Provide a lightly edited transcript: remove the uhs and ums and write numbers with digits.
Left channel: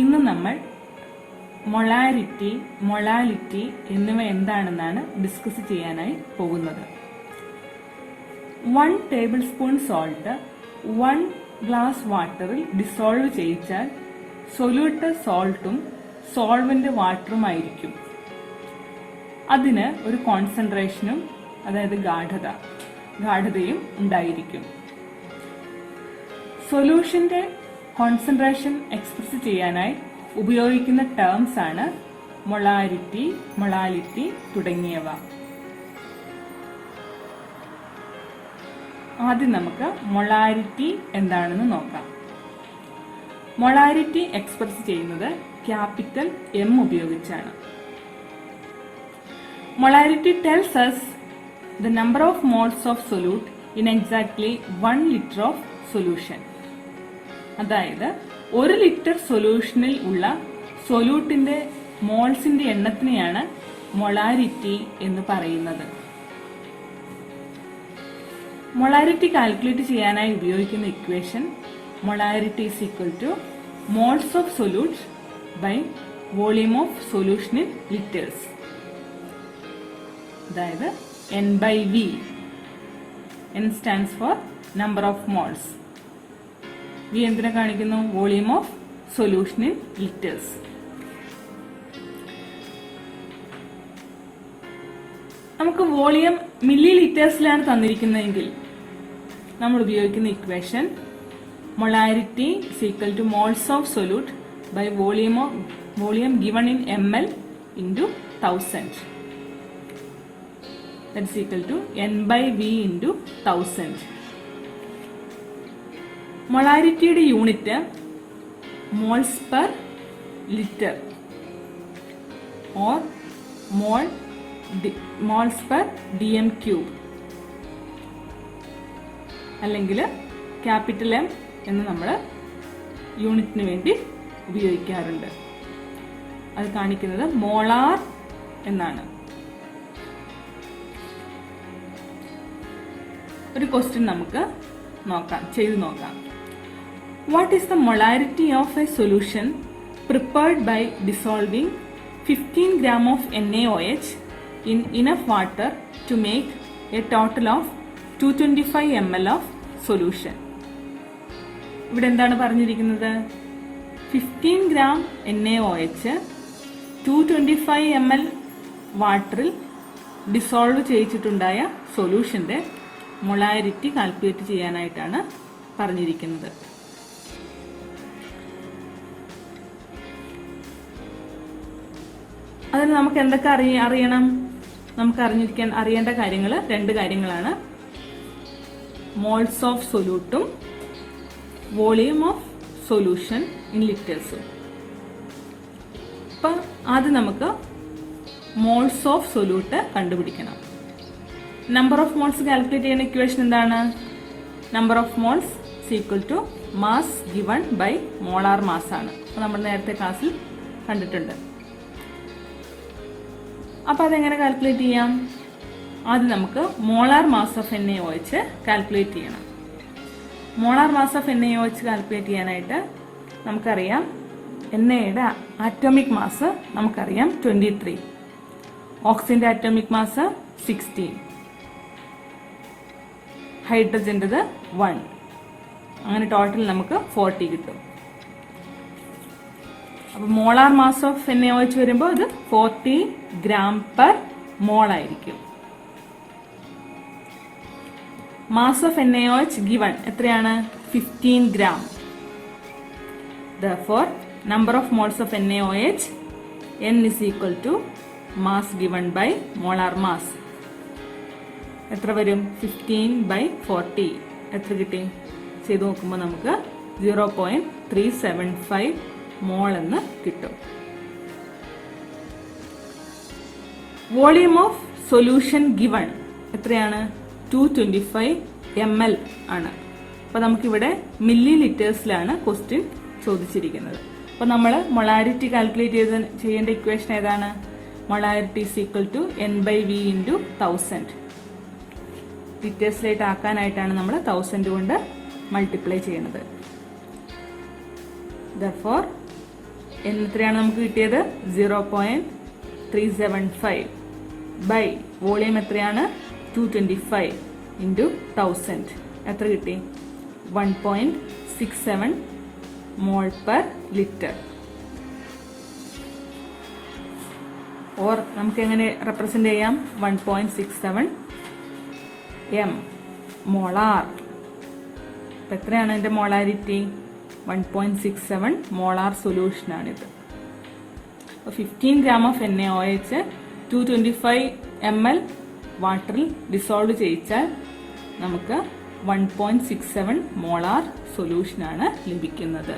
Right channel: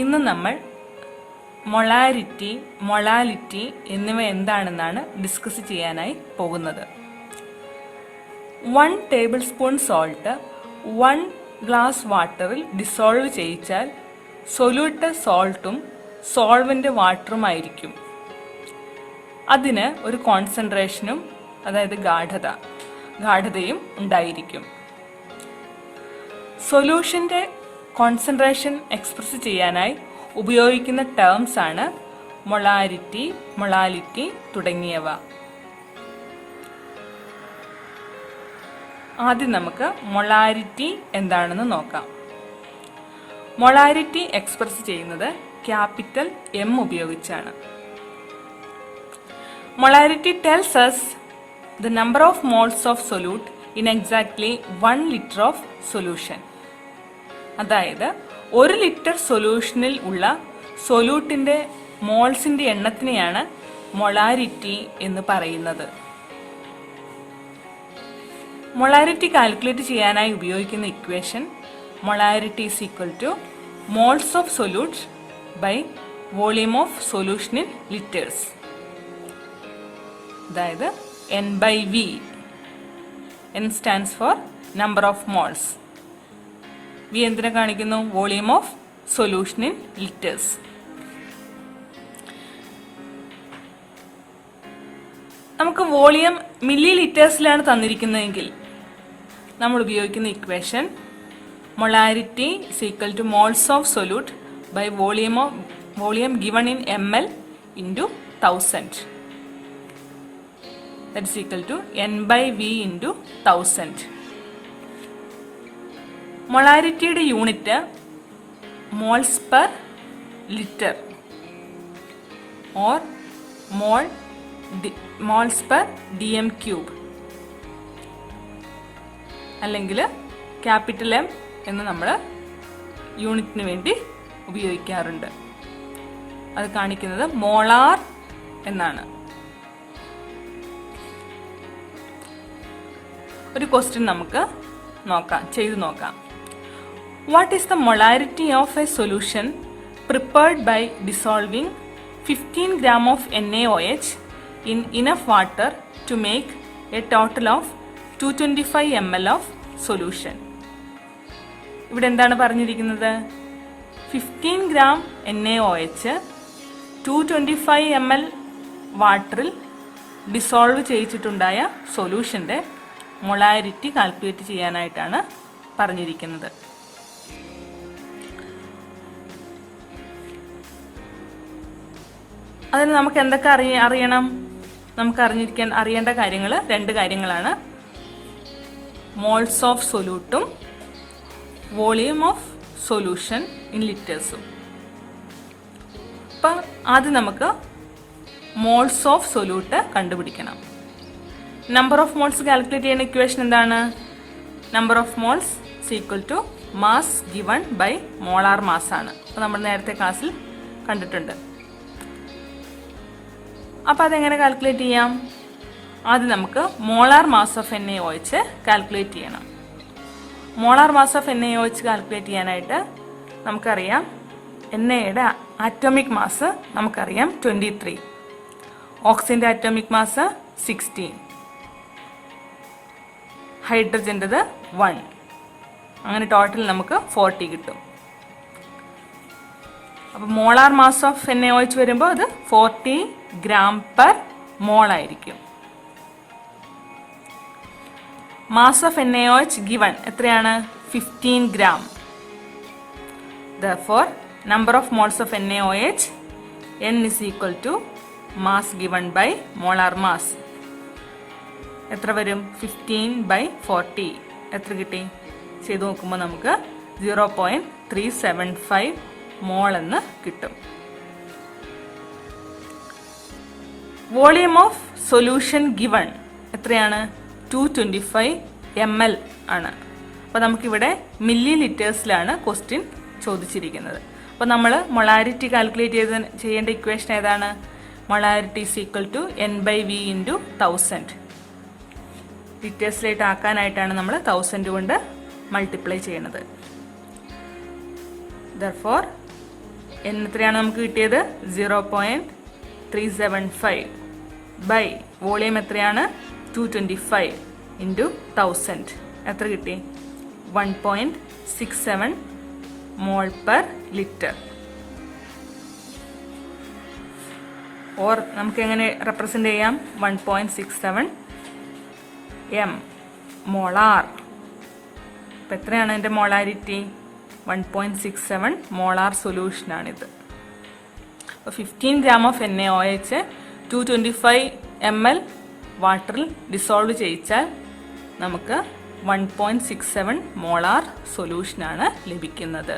ഇന്ന് നമ്മൾ molarity, molality എന്നിവ എന്താണെന്നാണ് ഡിസ്കസ് ചെയ്യാനായി പോകുന്നത്. 1 ടേബിൾ സ്പൂൺ സോൾട്ട് 1 ഗ്ലാസ് വാട്ടറിൽ ഡിസോൾവ് ചെയ്യിച്ചാൽ സൊല്യൂട്ട് സോൾട്ടും സോൾവെന്റ് വാട്ടറുമായിരിക്കും. അതിന് ഒരു കോൺസെൻട്രേഷനും, അതായത് ഗാഢതയും ഉണ്ടായിരിക്കും. സൊല്യൂഷന്റെ കോൺസെൻട്രേഷൻ എക്സ്പ്രസ് ചെയ്യാനായി ഉപയോഗിക്കുന്ന ടേംസ് ആണ് മൊളാരിറ്റി, മൊളാലിറ്റി തുടങ്ങിയവ. ആദ്യം നമുക്ക് മൊളാരിറ്റി എന്താണെന്ന് നോക്കാം. മൊളാരിറ്റി എക്സ്പ്രസ് ചെയ്യുന്നത് ക്യാപിറ്റൽ M ഉപയോഗിച്ചാണ്. Molarity tells us the number of moles of solute in exactly 1 liter of solution. അതായത് 1 ലിറ്റർ സൊല്യൂഷനിൽ ഉള്ള സൊല്യൂട്ടിന്റെ മോൾസിന്റെ എണ്ണത്തിനെയാണ് മൊളാരിറ്റി എന്ന് പറയുന്നത്. മൊളാരിറ്റി കാൽക്കുലേറ്റ് ചെയ്യാനായി ഉപയോഗിക്കുന്ന equation molarity is equal to moles of solute by volume of solution in litres. അതായത് N/V. N stands for number of moles. V എന്തിനെ കാണിക്കുന്നു? Volume of solution in litres. നമുക്ക് വോളിയം മില്ലി ലിറ്റേഴ്സിലാണ് തന്നിരിക്കുന്നതെങ്കിൽ നമ്മൾ ഉപയോഗിക്കുന്ന equation molarity is equal to moles of solute by volume given in ml into 1000. That is equal to N/V into 1000. മൊളാരിറ്റിയുടെ unit moles per litre or moles per dm³ അല്ലെങ്കിൽ capital M എന്ന് നമ്മൾ യൂണിറ്റിന് വേണ്ടി ഉപയോഗിക്കാറുണ്ട്. അത് കാണിക്കുന്നത് മോളാർ എന്നാണ്. ഒരു ക്വസ്റ്റ്യൻ നമുക്ക് ചെയ്തു നോക്കാം. What is the molarity of a solution prepared by dissolving 15 gram of NaOH in enough water to make a total of 225 ml of solution? ഇവിടെ എന്താണ് പറഞ്ഞിരിക്കുന്നത്? 15 gram NaOH 225 ml വാട്ടറിൽ ഡിസോൾവ് ചെയ്യിച്ചിട്ടുണ്ടായ സൊല്യൂഷന്റെ മൊളാരിറ്റി കാൽക്കുലേറ്റ് ചെയ്യാനായിട്ടാണ് പറഞ്ഞിരിക്കുന്നത്. അതിന് നമുക്ക് എന്തൊക്കെ അറിയണം? നമുക്ക് അറിയേണ്ട കാര്യങ്ങൾ 2 കാര്യങ്ങളാണ്. മോൾസ് ഓഫ് സൊല്യൂട്ടും വോളിയം ഓഫ് സൊല്യൂഷൻ ഇൻ ലിറ്റേഴ്സും. അപ്പം ആദ്യം നമുക്ക് മോൾസ് ഓഫ് സൊല്യൂട്ട് കണ്ടുപിടിക്കണം. നമ്പർ ഓഫ് മോൾസ് കാൽക്കുലേറ്റ് ചെയ്യുന്ന ഇക്വേഷൻ എന്താണ്? Number of moles is equal to mass given by molar mass ആണ്. അപ്പോൾ നമ്മൾ നേരത്തെ ക്ലാസ്സിൽ കണ്ടിട്ടുണ്ട്. അപ്പോൾ അതെങ്ങനെ കാൽക്കുലേറ്റ് ചെയ്യാം? ആദ്യം നമുക്ക് molar mass of NaOH calculate ചെയ്യണം. Molar mass of NaOH calculate ചെയ്യാനായിട്ട് നമുക്കറിയാം Naയുടെ ആറ്റോമിക് മാസ് നമുക്കറിയാം 23, ഓക്സിജന്റെ ആറ്റോമിക് മാസ് 16, ഹൈഡ്രജൻ്റെത് 1. അങ്ങനെ ടോട്ടൽ നമുക്ക് 40 കിട്ടും. അപ്പോൾ മോളാർ മാസ് ഓഫ് NaOH വരുമ്പോൾ അത് 40 gram/mol ആയിരിക്കും. മാസ് ഓഫ് NaOH ഗിവൺ എത്രയാണ്? 15 gram. Therefore, number of moles of NaOH N is equal to mass given by molar mass. എത്ര വരും? 15/40. എത്ര കിട്ടി? ചെയ്ത് നോക്കുമ്പോൾ നമുക്ക് 0.375 മോൾ എന്ന് കിട്ടും. വോളിയം ഓഫ് സൊല്യൂഷൻ ഗിവൺ എത്രയാണ്? 225 ml ആണ്. അപ്പോൾ നമുക്കിവിടെ മില്ലി ലിറ്റേഴ്സിലാണ് ക്വസ്റ്റ്യൻ ചോദിച്ചിരിക്കുന്നത്. അപ്പോൾ നമ്മൾ മൊളാരിറ്റി കാൽക്കുലേറ്റ് ചെയ്യേണ്ട ഇക്വേഷൻ ഏതാണ്? Molarity is equal to N/V into 1000. ലിറ്റേഴ്സിലേക്ക് ആക്കാനായിട്ടാണ് നമ്മൾ 1000 കൊണ്ട് മൾട്ടിപ്ലൈ ചെയ്യുന്നത്. Therefore എത്രയാണ് നമുക്ക് കിട്ടിയത്? 0.375 ബൈ വോളിയം എത്രയാണ്? 225 ഇൻറ്റു 1000 എത്ര കിട്ടി? 1.67 മോൾ പെർ ലിറ്റർ. ഓർ നമുക്ക് എങ്ങനെ റെപ്രസെൻ്റ് ചെയ്യാം? 1.67 എം മോളാർ. അപ്പം എത്രയാണ് അതിൻ്റെ മോളാരിറ്റി? 1.67 മോളാർ സൊല്യൂഷനാണിത്. അപ്പോൾ 15 ഗ്രാം ഓഫ് NaOH 225 ml വാട്ടറിൽ ഡിസോൾവ് ചെയ്യിച്ചാൽ നമുക്ക് 1.67 മോളാർ സൊല്യൂഷനാണ് ലഭിക്കുന്നത്.